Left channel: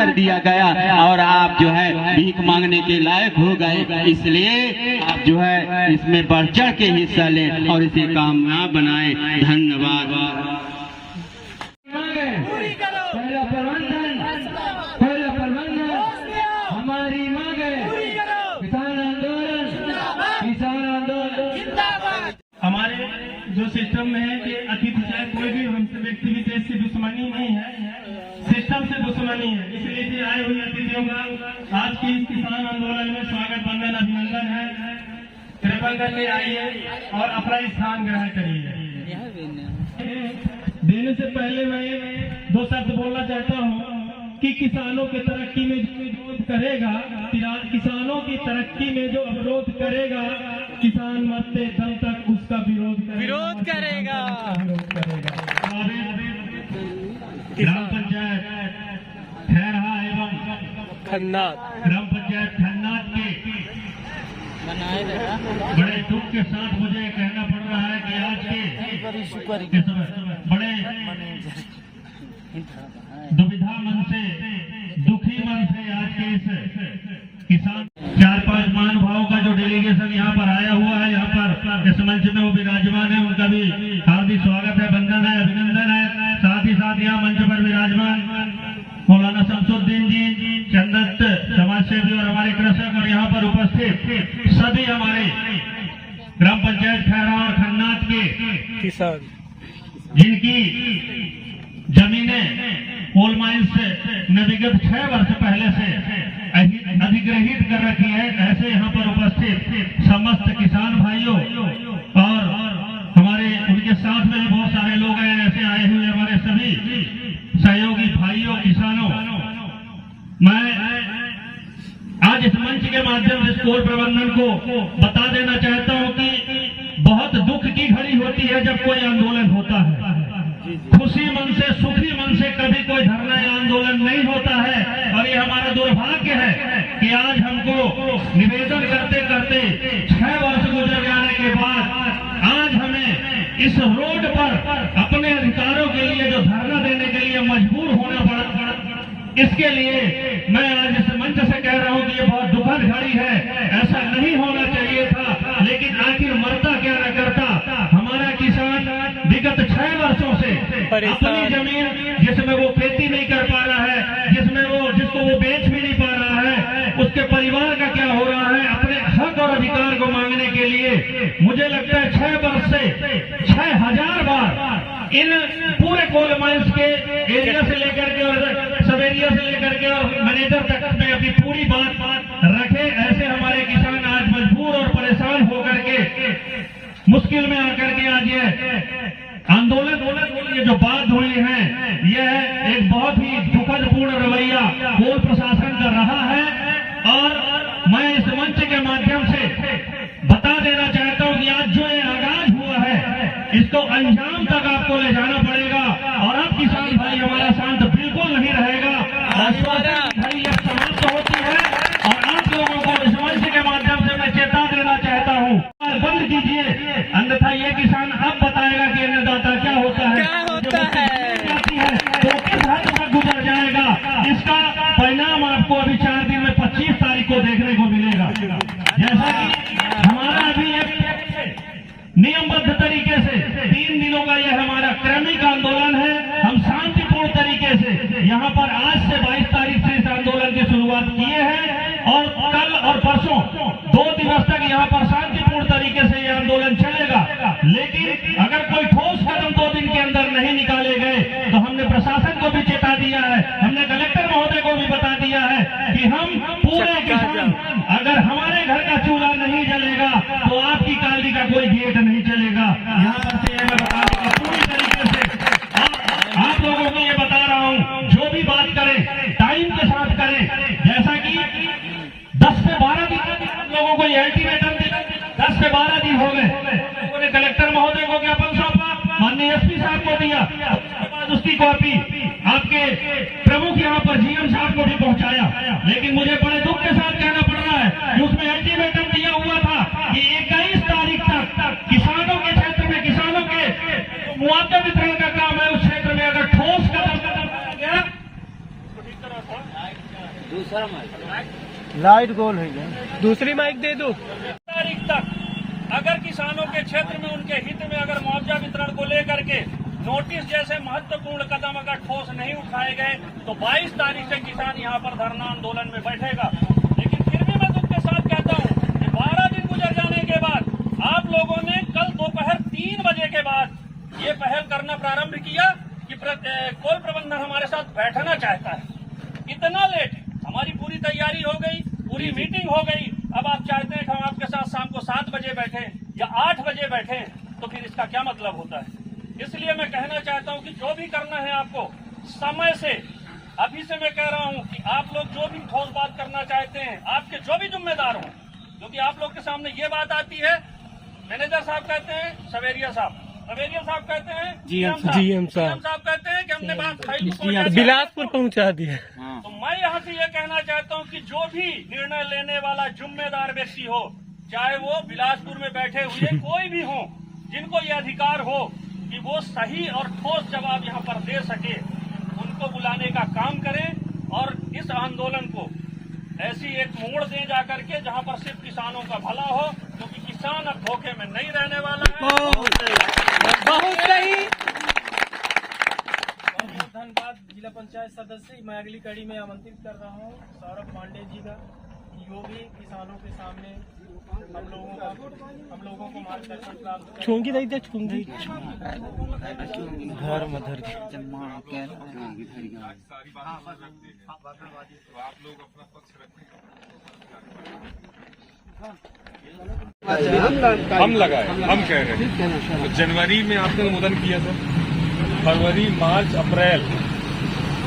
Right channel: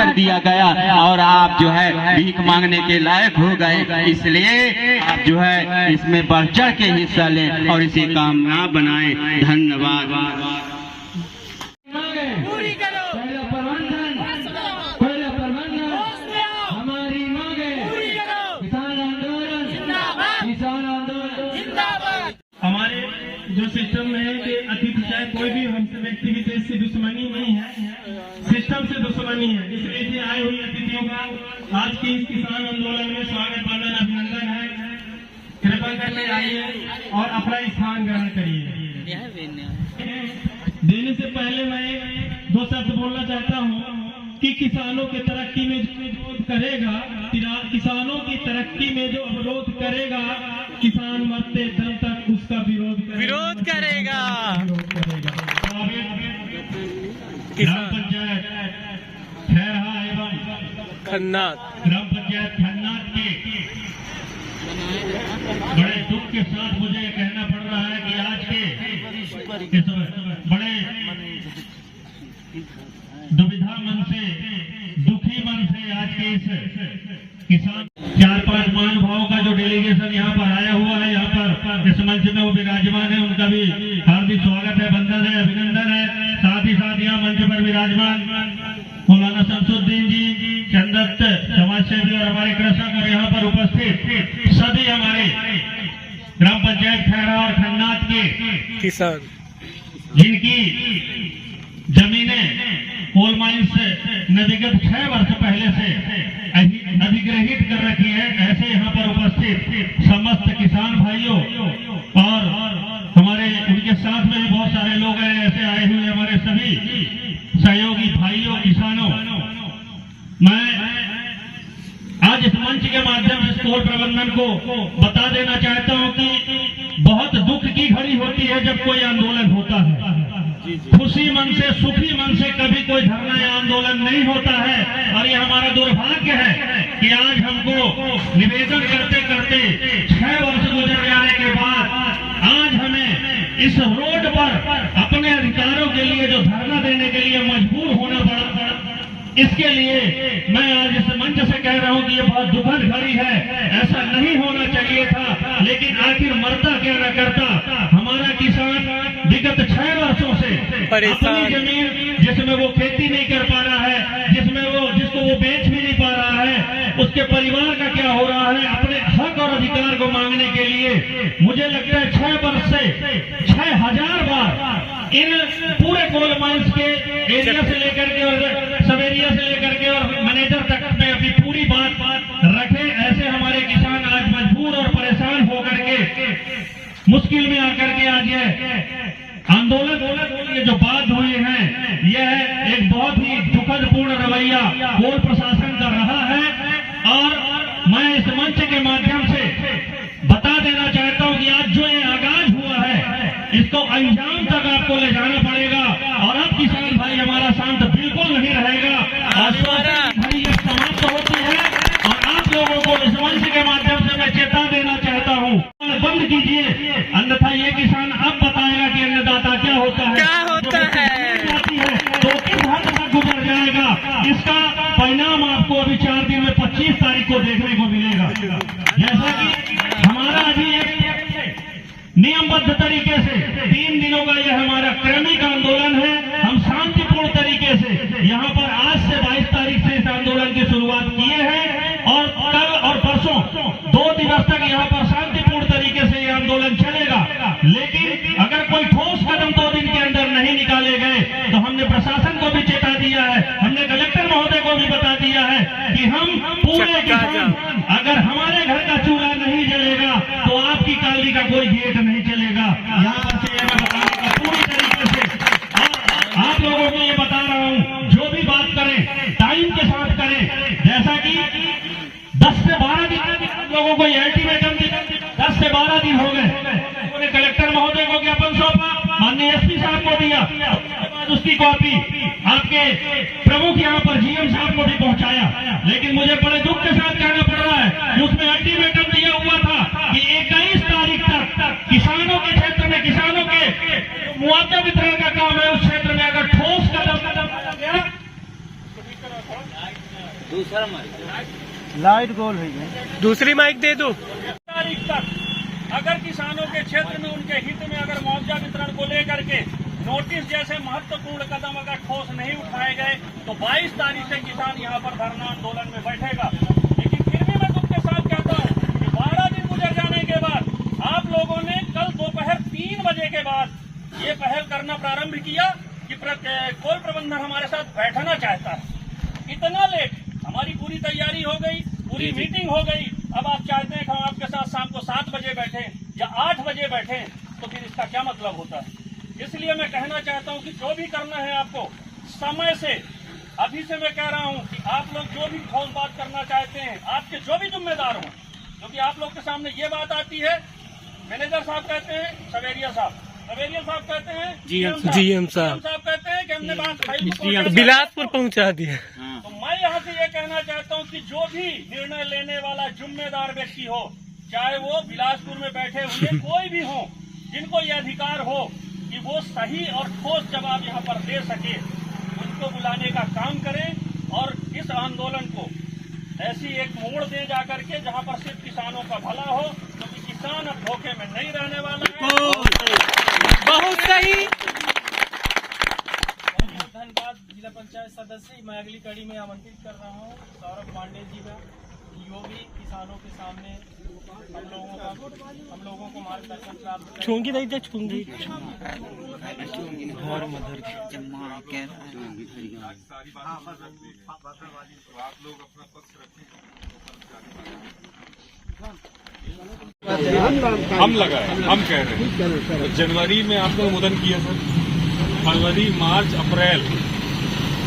कर दिया गया और आप जो है भीख मांगने के लायक हो गए। इसलिए आप जो है इसमें बढ़ चढ़ के हिस्सा लें और इसे कामयाब बनाएं। धन्यवाद। पूरी करो पहला प्रबंधन हमारी मांगे पूरी करो। किसान आंदोलन जिंदाबाद। हमारे जो सिस्टम में है कि अतिथि चाहे कोई भी हमसे व्यक्ति विशेष से दुश्मनी नहीं है, सिस्टम से दुश्मनी है। इसलिए आए हुए अतिथियों का आज के इस किसान आंदोलन में स्वागत वंदन अभिनंदन है। कृपा करके आइए और अपना स्थान ग्रहण करिए। देने से पहले मैं दो शब्द बोलना चाहता हूँ कि किसानों की तरक्की में जो विरोध करेगा, किसानों की तरक्की में जो अवरोध करेगा, किसान मरते दम तक उसका विरोध करेगा। ग्राम पंचायत खैरहा एवं ग्राम पंचायत खन्नाट के बड़े दुख के साथ मुझे कहना पड़ रहा है कि आज के बड़े दुविधा मन से, दुखी मन से आज के इस किसान 4-5 महानुभावों का जो डेलीगेशन यहाँ पर आया हुआ है, यहाँ पर इस मंच में वो विराजमान है, उनका भी हार्दिक स्वागत है, वंदन है, अभिनंदन है। साथ ही साथ यहाँ मंच पर विराजमान मौलाना शमसुद्दीन जी, चंदत्त समाज सेवी और हमारे कृषक और यहाँ पर उपस्थित सभी हमारे ग्राम पंचायत खैरा और खन्नाट के किसान जिनकी जमीनें कोल माइंस ने विगत 6 वर्ष पहले से अधिग्रहित कर रखी है, ऐसे यहाँ पर उपस्थित समस्त किसान भाइयों और हमारे उनके साथ में भी बहुत सारे लोग हैं, ऐसे आए हुए हमारे सभी सहयोगी भाइयों किसानों, मैं आज इस मंच के माध्यम से कोल प्रबंधन को बता देना चाहता हूं कि बहुत दुख की घड़ी होती है जब कोई आंदोलन होता है। खुशी मन से, सुखी मन से कभी कोई धरना या आंदोलन नहीं होता है और ये हमारा दुर्भाग्य है कि आज हमको निवेदन करते करते 6 वर्ष गुजर जाने के बाद आज हमें इस रोड पर अपने अधिकारों के लिए जो धरना देने के लिए मजबूर होना पड़ा। इसके लिए मैं आज इस मंच से कह रहा हूं कि ये बहुत दुखद घड़ी है, ऐसा नहीं होना चाहिए था, लेकिन आखिर मरता क्या न करता। हमारा किसान विगत 6 वर्षों से अपनी जमीन जिसमें वो खेती नहीं कर पा रहा है, जिसको वो बेच भी नहीं पा रहा है, उसके परिवार का क्या हो रहा है, अपने हक और अधिकार को मांगने के लिए मुझे लगता है 6 वर्ष से 6000 बार इन पूरे कोल माइंस के एरिया से लेकर के और सब एरिया से लेकर के और मैनेजर तक में अपनी पूरी बात रखे। ऐसे हमारे किसान आज मजबूर और परेशान होकर के मुश्किल में आकर के आज ये आंदोलन ये जो बात हुई है, यह एक बहुत ही दुखद पूर्ण रवैया कोल प्रशासन का रहा है और मैं इस मंच के माध्यम से बता देना चाहता हूं कि आज जो ये आगाज हुआ है इसको अंजाम तक आपको ले जाना पड़ेगा और अब किसान भाई हमारा शांत बिल्कुल नहीं रहेगा। घड़ी अब समाप्त होती है और आप लोगों को इस मंच के माध्यम से मैं चेता देना चाहता हूं, बंद कीजिए, अन्यथा ये किसान अब बताएगा कि अन्नदाता क्या होता है, तो किस हद तक गुजर जाएगा। इसका परिणाम आपको अभी 4 दिन में 25 तारीख को देखने को मिलेगा। जैसा कि हमारा अभी एक नियमबद्ध तरीके से 3 दिनों का यह हमारा क्रमिक आंदोलन है। हम शांतिपूर्ण तरीके से यहाँ पर आज से 22 तारीख से इस आंदोलन की शुरुआत किए हैं और कल और परसों 2 दिवस तक यहाँ पर शांतिपूर्ण तरीके से यह आंदोलन चलेगा। लेकिन अगर कोई ठोस कदम 2 दिन के अंदर नहीं निकाले गए तो हमने प्रशासन को भी चेता दिया है, हमने कलेक्टर महोदय को भी बता दिया है कि हम पूरे किसान अगर हमारे घर का चूल्हा नहीं जलेगा तो आपकी काली का कोई गेट नहीं चलेगा। यहाँ पर से मैं बता दूंगा पूरी तरीके से आप लोगों को ये बता रहा हूँ, जो भी बात करें टाइम के साथ करें। जैसा कि 10 से 12 दिन लोगों को ये अल्टीमेटम दिया, 10 से 12 दिन हो गए, उन्होंने कलेक्टर महोदय को ज्ञापन सौंपा, माननीय एसपी साहब को दिया, उसकी कॉपी आपके प्रमुख यहाँ पर जीएम साहब को भी पहुंचाया। लेकिन मुझे बड़े दुख के साथ कहना पड़ रहा है कि उसमें अल्टीमेटम दिया हुआ था कि 21 तारीख तक किसानों के क्षेत्र में किसानों के मुआवजा वितरण का काम है, उस क्षेत्र में अगर ठोस कदम लाइट गोल है क्या? दूसरी माइक दे दो। तारीख तक अगर किसानों के क्षेत्र में उनके हित में अगर मुआवजा वितरण को लेकर के नोटिस जैसे महत्वपूर्ण कदम अगर ठोस नहीं उठाए गए तो 22 तारीख से किसान यहाँ पर धरना आंदोलन में बैठेगा। लेकिन फिर भी मैं तुमके साथ कहता हूँ कि 12 दिन गुजर जाने के बाद आप लोगों ने कल दोपहर 3 बजे के बाद ये पहल करना प्रारंभ किया कि कोल प्रबंधन हमारे साथ बैठना चाहता है। इतना लेट, हमारी पूरी तैयारी हो गई, पूरी मीटिंग हो गई, अब आप चाहते हैं कि हम आपके साथ शाम को 7 बजे बैठे या 8 बजे बैठे, तो फिर इसका क्या मतलब होता है? इसलिए मैं कहना चाहता हूं कि जो भी करना है आपको समय से, अभी से मैं कह रहा हूं कि आप लोग जो भी ठोस बात करना चाहते हैं, आपके जो भी जिम्मेदार हों, क्योंकि आप लोग के सामने ये बात आती है, मैनेजर साहब कहते हैं, सवेरिया साहब कहते हैं, जीएम साहब कहते हैं कि हमने बात बिलासपुर पहुंचा दिया। तो मैं यहाँ से ये कहना चाहता हूँ कि जो भी निर्णय लेने वाला जिम्मेदार व्यक्ति हो, चाहे वो बिलासपुर में बैठे हुए कोई भी हो, जिनको ये अधिकार हो कि वो सही और ठोस जवाब यहाँ पर दे सके, उनको बुलाने का काम करें और इस आंदोलन को ऐसी एक मोड़ दे जा करके जहाँ पर सिर्फ किसानों का भला हो, क्योंकि किसान अब धोखे में नहीं रहने वाला है। बहुत सही। बहुत धन्यवाद जिला पंचायत सदस्य। मैं अगली कड़ी में आमंत्रित कर रहा हूँ सौरभ पांडे जी का, जो भी किसानों के सामने हम लोगों को मार्गदर्शन प्राप्त छूंगी नहीं दे छूंगी। हम लगाए, हम कह रहे हैं। तो जनवरी में आपने अनुमोदन किया सर, फरवरी, मार्च, अप्रैल,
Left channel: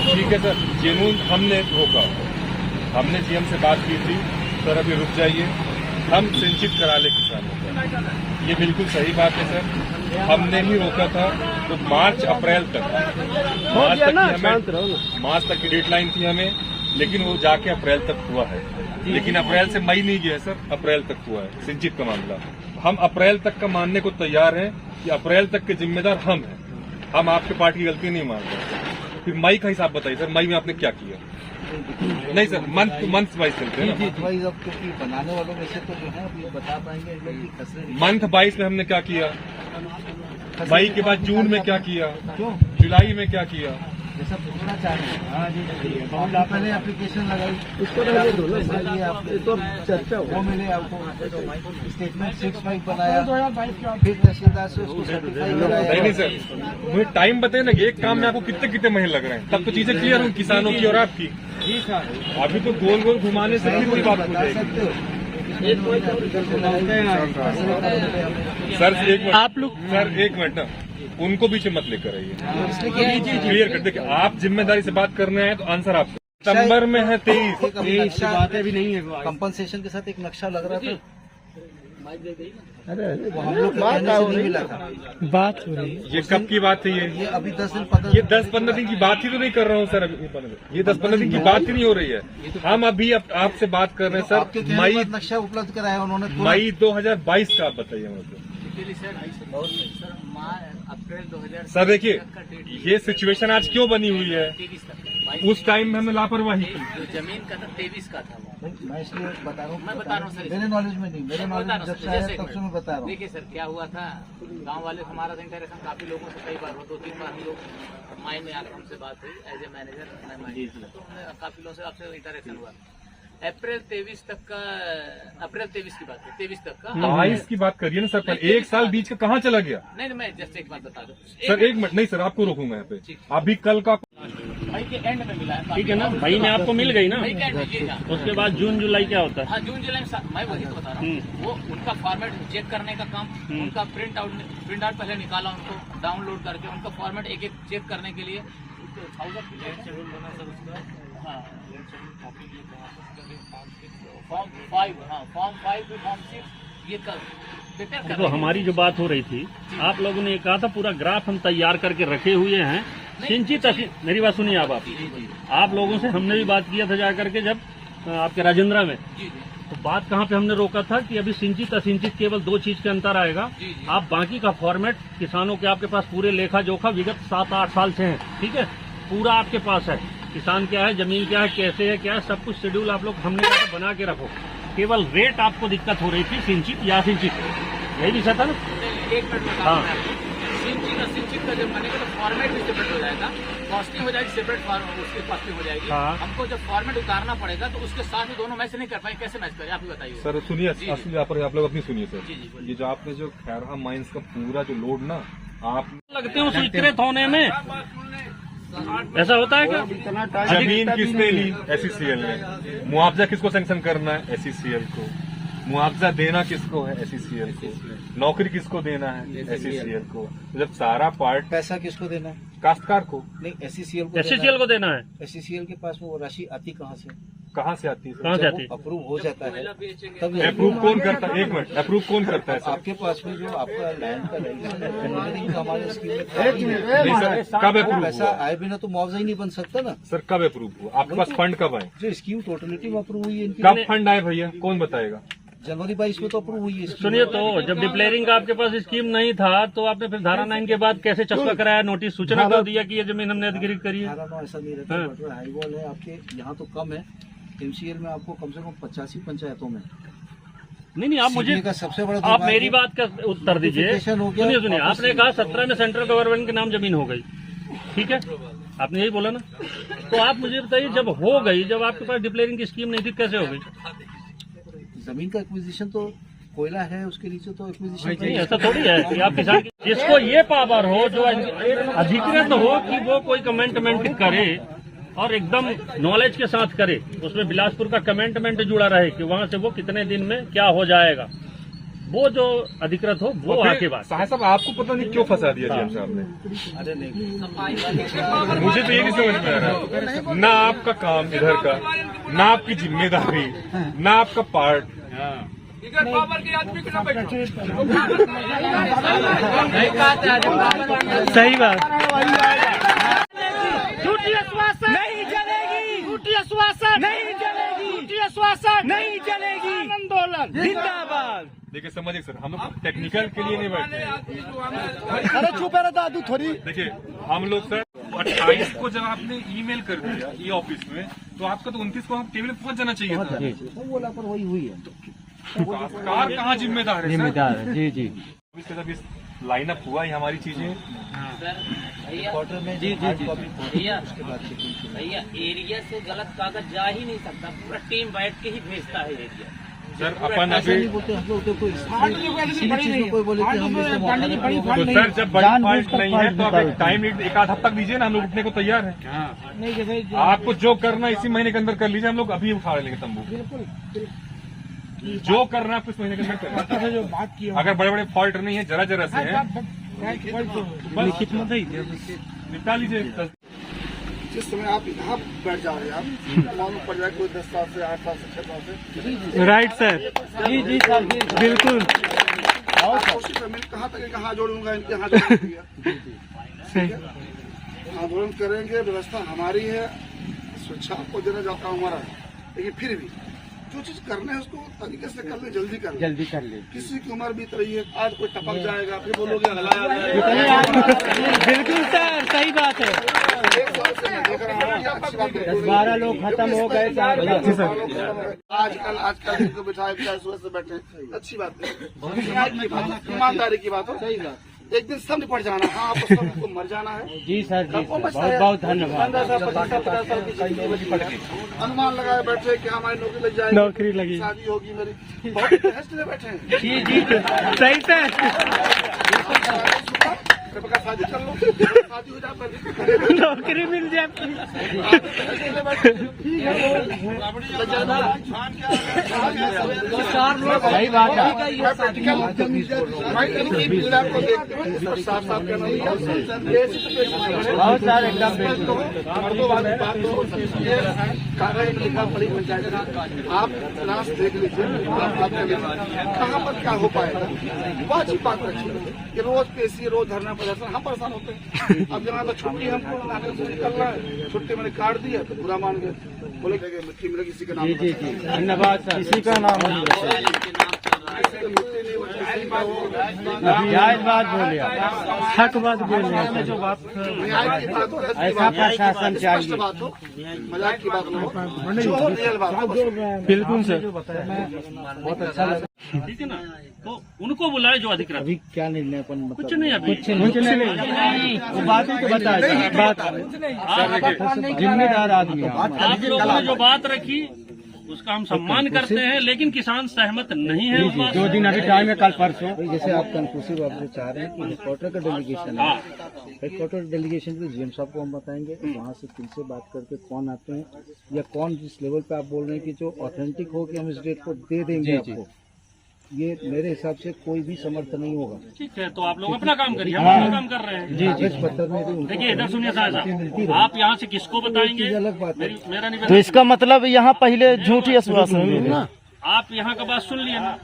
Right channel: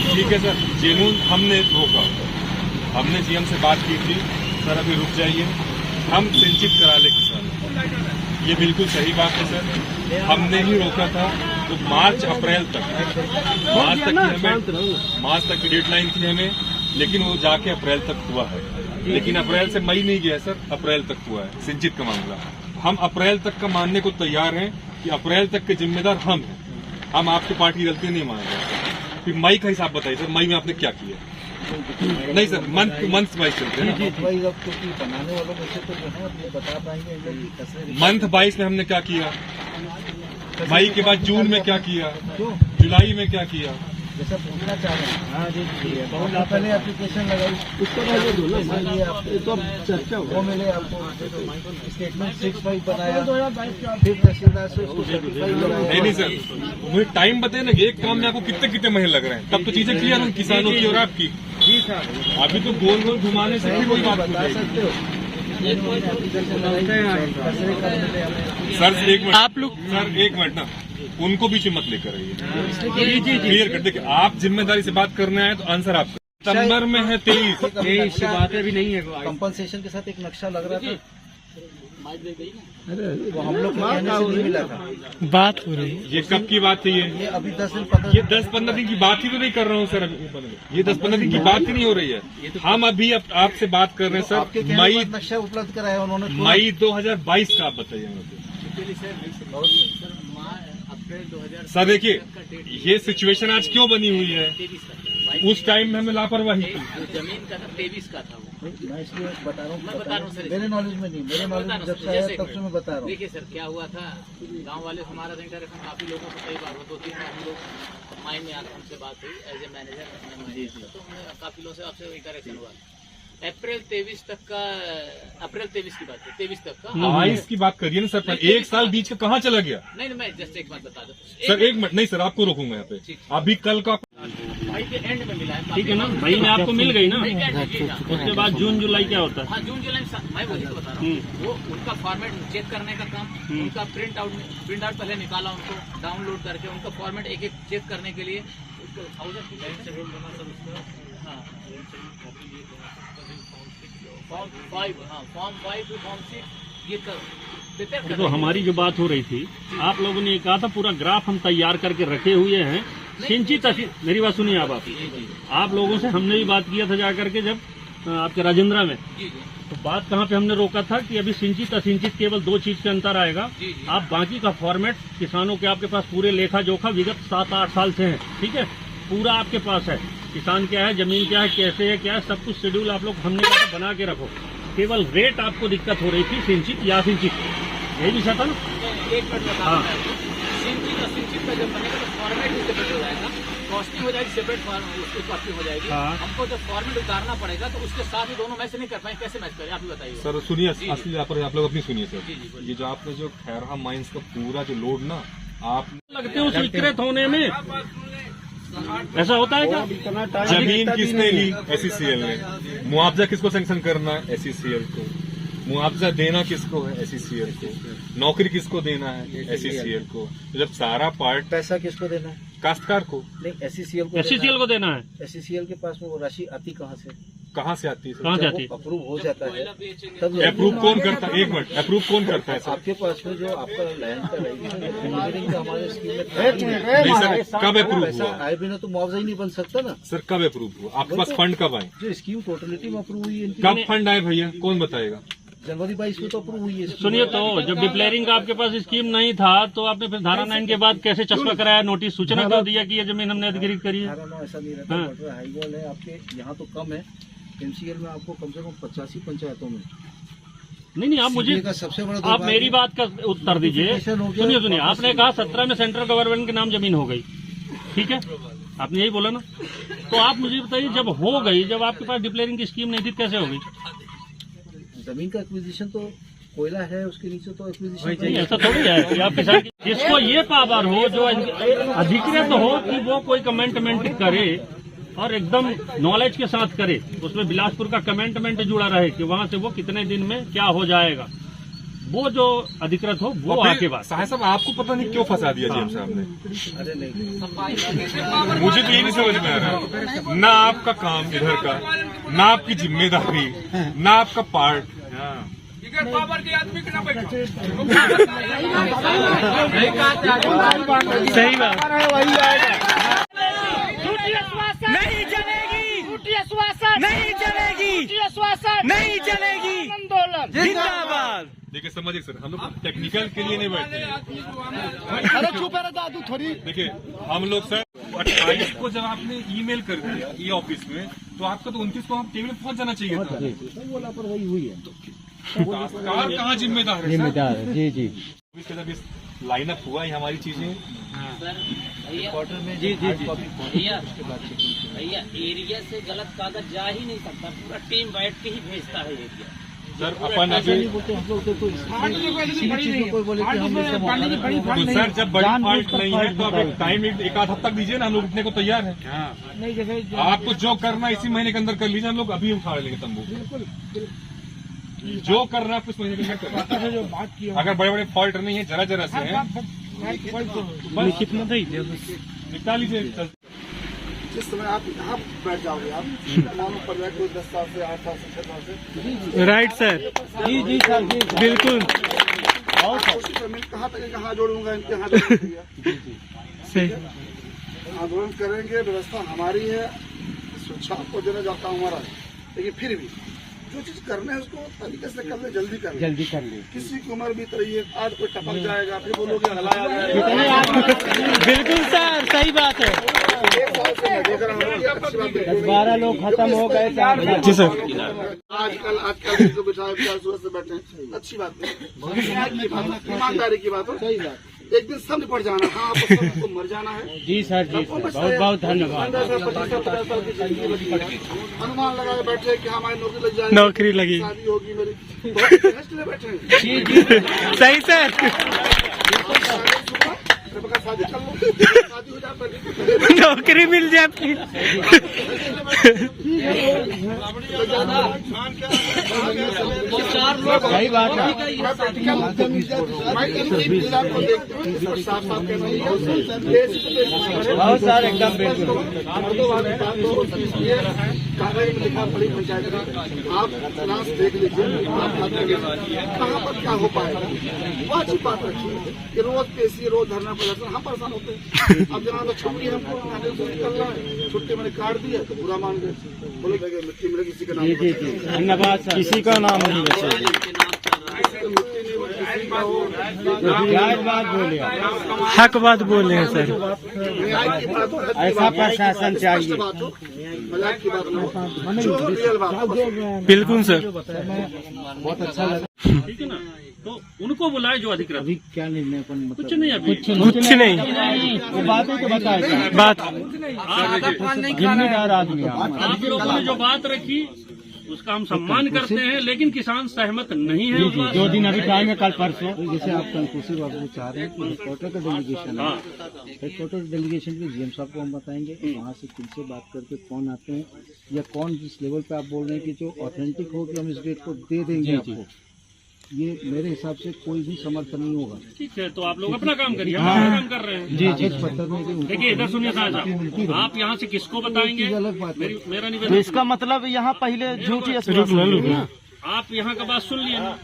ठीक है सर, जून हमने रोका, हमने सीएम से बात की थी, सर अभी रुक जाइए, हम सिंचित करा ले किसानों। ये बिल्कुल सही बात है सर, हमने ही रोका था। तो मार्च अप्रैल तक मार्च तक की डेडलाइन थी हमें, लेकिन वो जाके अप्रैल तक हुआ है। लेकिन अप्रैल से मई नहीं गया सर, अप्रैल तक हुआ है सिंचित का मामला। हम अप्रैल तक का मानने को तैयार हैं कि अप्रैल तक के जिम्मेदार हम हैं, हम आपके पार्टी की गलती नहीं मान रहे। फिर मई का हिसाब बताइए सर, मई में आपने क्या किया? नहीं सर, मंथ वाइज चलते हैं, बनाने वालों में से तो जो है अपने बता पाएंगे। मंथ 22 में हमने क्या किया, मई के बाद जून में क्या किया, जुलाई में क्या किया? जैसा पूछना चाह रहे हैं, पहले एप्लीकेशन लगाई, उसको तो चर्चा वो मिले आपको, स्टेटमेंट 6/5 बनाया, फिर तहसीलदार से उसको नहीं सर, मुझे टाइम बताए ना कि एक काम में आपको कितने कितने महीने लग रहे हैं, तब तो चीजें क्लियर हों किसानों की और आपकी। अभी तो गोल गोल घुमाने से फिर वही बात बता सकते हो। सर एक मिनट, आप लोग सर एक मिनट ना, उनको बीच में मत लेकर आइए, क्लियर कर देखिए। आप जिम्मेदारी से बात करना है तो आंसर आपका। सितंबर में है 23 बात भी नहीं है, कंपनसेशन के साथ एक नक्शा लग रहा था, वो हम लोग बात हो रही है। ये कब की बात है? ये अभी 10-15 दिन की बात ही तो नहीं कर रहा हूँ सर, ये 10-15 दिन की बात ही नहीं हो रही है। हम अभी आपसे बात कर रहे हैं सर, मई नक्शा उपलब्ध कराया उन्होंने, मई 2022 का आप बताइए मुझे सर। देखिए ये सिचुएशन आज क्यों बनी हुई है, उस टाइम में हमने लापरवाही की। जमीन का था 23 का था वो। मैं इसलिए बता रहा हूँ सर, मेरे नॉलेज में नहीं, मेरे नॉलेज में जब से आया तब से मैं बता रहा हूँ। देखिए सर क्या हुआ था, गांव वाले से हमारा इंटरेक्शन काफी लोगों से कई बार हुआ, 2-3 बार हम लोग माई में आकर हमसे बात हुई एज ए मैनेजर, मैं मैनेजर था, तो हमने काफी लोगों से आपसे इंटरेक्शन हुआ। अप्रैल 23 तक का, अप्रैल 23 की बात है, 23 तक का 22 की बात करिए ना सर, एक साल बीच का कहाँ चला गया? नहीं, मैं जस्ट एक बात बता दूं सर, एक मिनट, नहीं सर आपको रोकूंगा यहाँ पे। अभी कल का मई के एंड में मिला है, ठीक है ना, मई में आपको मिल गई ना, उसके बाद जून जुलाई क्या होता है? हाँ, जून जुलाई में मैं वही तो बता रहा हूँ। वो उनका फॉर्मेट चेक करने का काम, उनका प्रिंट आउट पहले निकाला, उनको डाउनलोड करके उनका फॉर्मेट एक एक चेक करने के लिए फॉर्म 5, हाँ फॉर्म 5 फॉर्म 6 ये कर। तो हमारी जो बात हो रही थी, आप लोगों ने कहा था पूरा ग्राफ हम तैयार करके रखे हुए हैं, सिंचित। मेरी बात सुनिए आप लोगों से हमने भी बात किया था जाकर के, जब आपके राजेंद्रा में, तो बात कहाँ पे हमने रोका था कि अभी सिंचित असिंचित केवल 2 चीज के अंतर आएगा। आप बाकी का फॉर्मेट किसानों के आपके पास पूरे लेखा जोखा विगत 7-8 साल से हैं, ठीक है, पूरा आपके पास है। किसान क्या है, जमीन क्या है, कैसे है, क्या है, सब कुछ शेड्यूल आप लोग हमने कहा तो बना के रखो। केवल रेट आपको दिक्कत हो रही थी सिंचित या सिंचित, यही विषय था ना। एक मिनट में बता दूं मैं आपको। सिंचित का जब बनेगा तो फॉर्मेट भी सेपरेट हो जाएगा, कॉस्टिंग हो जाएगी सेपरेट, उसकी कॉस्टिंग हो जाएगी। हाँ। हमको जब फॉर्मेट उतारना पड़ेगा तो उसके साथ ही दोनों मैच नहीं कर पाएंगे, कैसे मैच करें आप ही बताइए। सर सुनिए, असली आप लोग अपनी सुनिए जी, जी, सर। बोलिए। ये जो आपने जो खैरहा माइंस का पूरा जो लोड ना आप लगते हो स्वीकृत होने में, ऐसा होता है क्या? जमीन किसने ली? SECL ने। मुआवजा किसको सैंक्शन करना है? SECL को। मुआवजा देना किसको है? SECL को। नौकरी किसको देना है? SECL को। तो जब सारा पार्ट पैसा किसको देना है? काश्तकार को, नहीं, SECL को SCCL को देना है। SECL के पास में वो राशि आती कहाँ से? कहाँ से आती है कहाँ सर? से जब आती है? वो अप्रूव हो जाता है तब अप्रूव कौन करता है? एक मिनट, अप्रूव कौन करता है सर? आपके पास में जो आपका लैंड का रजिस्ट्रेशन का हमारे स्कीम में नहीं सर, कब अप्रूव पैसा हुआ? आए बिना तो मुआवजा ही नहीं बन सकता ना। सर कब अप्रूव हुआ? आपके पास फंड कब आए? जो स्कीम टोटलिटी में अप्रूव हुई है इनकी, कब फंड आए भैया, कौन बताएगा? जनवरी 22 में तो अप्रूव हुई है scheme। सुनिए तो, जब डिप्लेयरिंग का आपके पास स्कीम नहीं था तो आपने फिर धारा 9 के बाद कैसे चस्पा कराया, नोटिस सूचना कर दिया कि ये जमीन हमने अधिग्रहित करी है? हालांकि ऐसा नहीं रहता, बट हाई बॉल है आपके यहाँ तो कम है। MCL में आपको कम से कम 85 पंचायतों में। नहीं, आप मुझे, CBA का सबसे बड़ा आप मेरी बात का उत्तर दीजिए। Notification हो गया। सुनिए, आपने कहा 17 में सेंट्रल गवर्नमेंट के नाम जमीन हो गई, ठीक है, आपने यही बोला ना। तो आप मुझे बताइए, जब हो गई, जब आपके पास डिप्लेयरिंग की स्कीम नहीं थी, कैसे हो गई? जमीन का एक्विजिशन तो कोयला है, उसके नीचे तो एक्विजिशन नहीं, ऐसा थोड़ी है कि आप किसान जिसको ये पावर हो, जो अधिकृत हो कि वो कोई कमेंटमेंट करे और एकदम नॉलेज के साथ करे, उसमें बिलासपुर का कमेंटमेंट जुड़ा रहे कि वहाँ से वो कितने दिन में क्या हो जाएगा, वो जो अधिकृत हो वो आके बात। साहब साहब आपको पता नहीं क्यों फंसा दिया जी साहब ने? अरे नहीं, मुझे तो ये नहीं समझ में आ रहा, ना आपका काम इधर का, ना आपकी जिम्मेदारी, ना आपका पार्ट। सही बात। झूठी आश्वासन नहीं चलेगी, झूठी आश्वासन नहीं चलेगी, झूठी आश्वासन नहीं चलेगी। आंदोलन जिंदाबाद। देखिए समझिए सर, हम लोग टेक्निकल के लिए नहीं बैठे हैं। अरे चुप है दादू थोड़ी। देखिए हम लोग सर 28 को जब आपने ईमेल कर दिया ई ऑफिस में, तो आपको तो 29 को हम टेबल में पहुंच जाना चाहिए था। तो वो लापरवाही हुई है। कार कहाँ जिम्मेदार है सर? जी जी इसके जब इस लाइनअप हुआ ही हमारी चीजें। जी भैया एरिया से गलत कागज जा ही नहीं सकता, पूरा टीम बैठ के ही भेजता है एरिया। सर अपन अभी बोलते हम लोग तो कोई बोले कि हम इससे तो सर जब बड़ी फॉल्ट नहीं है तो अब टाइम एक आध हफ्ता दीजिए ना, हम लोग उठने को तैयार हैं। आपको जो करना इसी महीने के अंदर कर लीजिए, हम लोग अभी उखाड़ लेंगे तंबू। जो करना है कुछ महीने के अंदर करना। अगर बड़े बड़े फॉल्ट नहीं है, जरा जरा से है, कितना था निपटा लीजिए। जिस समय आप यहाँ बैठ जाओगे, आप मालूम पड़ जाए कोई 10 साल से 8 साल से 6 साल से। राइट सर, जी जी सर, बिल्कुल और कोशिश करने कहाँ तक कहाँ जोड़ूंगा, इनके हाथ सही। आंदोलन करेंगे, व्यवस्था हमारी है, शिक्षा आपको देने जाता हूँ हमारा, लेकिन फिर भी जो चीज करना है उसको तरीके से कर ले, जल्दी कर ले। किसी की उम्र बीत रही है, आज कोई टपक जाएगा, फिर बोलोगे बिल्कुल सर, सही बात है। 1 साल से मैं देख रहा हूँ 12 लोग खत्म हो गए। आजकल जिनको बिठाए सुबह से बैठे हैं, अच्छी बात है, ईमानदारी की बात हो। सही बात, एक दिन सब निपट जाना। हाँ, आपको सबको मर जाना है। जी सर, जी सर, बहुत बहुत धन्यवाद। 50 साल की जिंदगी अनुमान लगाए बैठे कि हमारी नौकरी लग जाएगी, नौकरी लगी, शादी होगी मेरी, बहुत बहस के लिए बैठे हैं। जी जी सही सर, शादी कर लो, शादी हो जाए, नौकरी मिल जाती। सही बात है। आपको देखते हुए साफ साफ कहना बहुत सारे एकदम मर्दोवादी बात तो कागज में लिखा पड़ी पंचायत में, आप क्लास देख लीजिए, आप बात कर लीजिए, कहाँ पर क्या हो पाएगा। वो अच्छी बात रखिए कि रोज पेशी, रोज धरना प्रदर्शन, हम परेशान होते हैं। अब जनाब छुट्टी हमको निकल रहा है, छुट्टी मैंने काट दी है तो बुरा मान गए, बोले मिट्टी मिले किसी का नाम। धन्यवाद सर, किसी का नाम नहीं, मिट्टी नहीं जायज बात बोले आप। हक बात बोल रहे हैं सर। ऐसा प्रशासन चाहिए। बिल्कुल सर। बहुत अच्छा लगा। ठीक है ना, तो उनको बुलाए जो अधिकृत। अभी क्या निर्णय अपन कुछ नहीं अभी, कुछ नहीं, वो बात ही तो बताया बात जिम्मेदार आदमी आप लोगों ने जो बात रखी उसका हम सम्मान करते हैं, लेकिन किसान सहमत नहीं है उस बात से। 2 दिन अभी टाइम है, कल परसों। जैसे आप कंक्लूसिव आप जो चाह रहे हैं कि हेडक्वार्टर का डेलीगेशन है, हेडक्वार्टर डेलीगेशन के जीएम साहब को हम बताएंगे, वहाँ से फिर से बात करके कौन आते हैं या कौन जिस लेवल पे आप बोल रहे हैं कि जो ऑथेंटिक हो कि हम इस डेट को दे देंगे आपको, ये मेरे हिसाब से कोई भी समर्थ नहीं होगा। ठीक है, तो आप लोग अपना काम करिए, हम अपना काम कर रहे हैं। कागज पत्र में भी उनको देखिए इधर सुनिए साहब, आप यहाँ से किसको बताएंगे? अलग बात है। मेरा तो निवेदन, इसका मतलब यहाँ पहले झूठी आश्वासन। आप यहाँ का बात सुन लिए ना,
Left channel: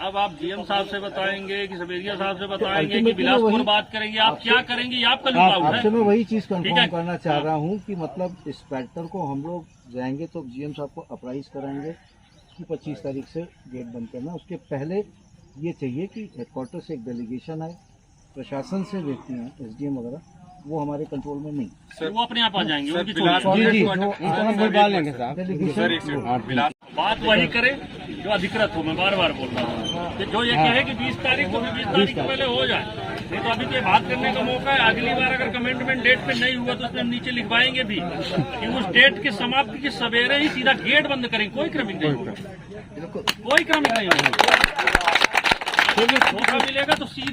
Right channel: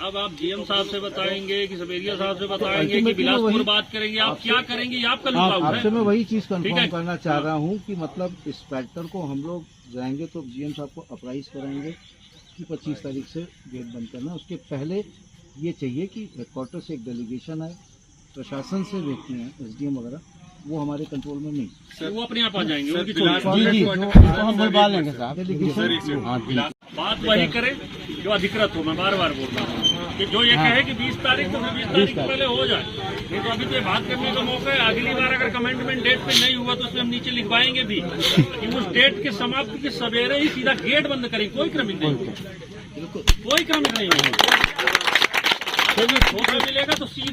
अब आप डीएम साहब से बताएंगे कि सवेरिया साहब से बताएंगे कि बिलासपुर बात करेंगे, आप क्या करेंगे ये आपका लुभाव आपसे है। मैं वही चीज ठीक कंफर्म है। करना चाह रहा हूँ कि मतलब इस पैटर्न को हम लोग जाएंगे तो जीएम साहब को अप्राइज कराएंगे कि 25 तारीख से गेट बंद करना। उसके पहले ये चाहिए कि हेडक्वार्टर से एक डेलीगेशन आए, प्रशासन से व्यक्ति हैं, एसडीएम वगैरह, वो हमारे कंट्रोल में नहीं। वो अपने आप आ जाएंगे, उनकी डेलीगेशन बात वही करे जो अधिकृत हो। मैं बार बार बोल रहा हूँ कि जो ये कहे कि 20 तारीख को 20 तारीख से पहले हो जाए, नहीं तो अभी तो ये बात करने का मौका है। अगली बार अगर कमेंटमेंट डेट पे नहीं हुआ तो उसमें हम नीचे लिखवाएंगे भी कि उस डेट के समाप्ति के सवेरे ही सीधा गेट बंद करेंगे, कोई क्रमिक नहीं होगा, कोई क्रमिक नहीं होगा। मौका मिलेगा तो सीधा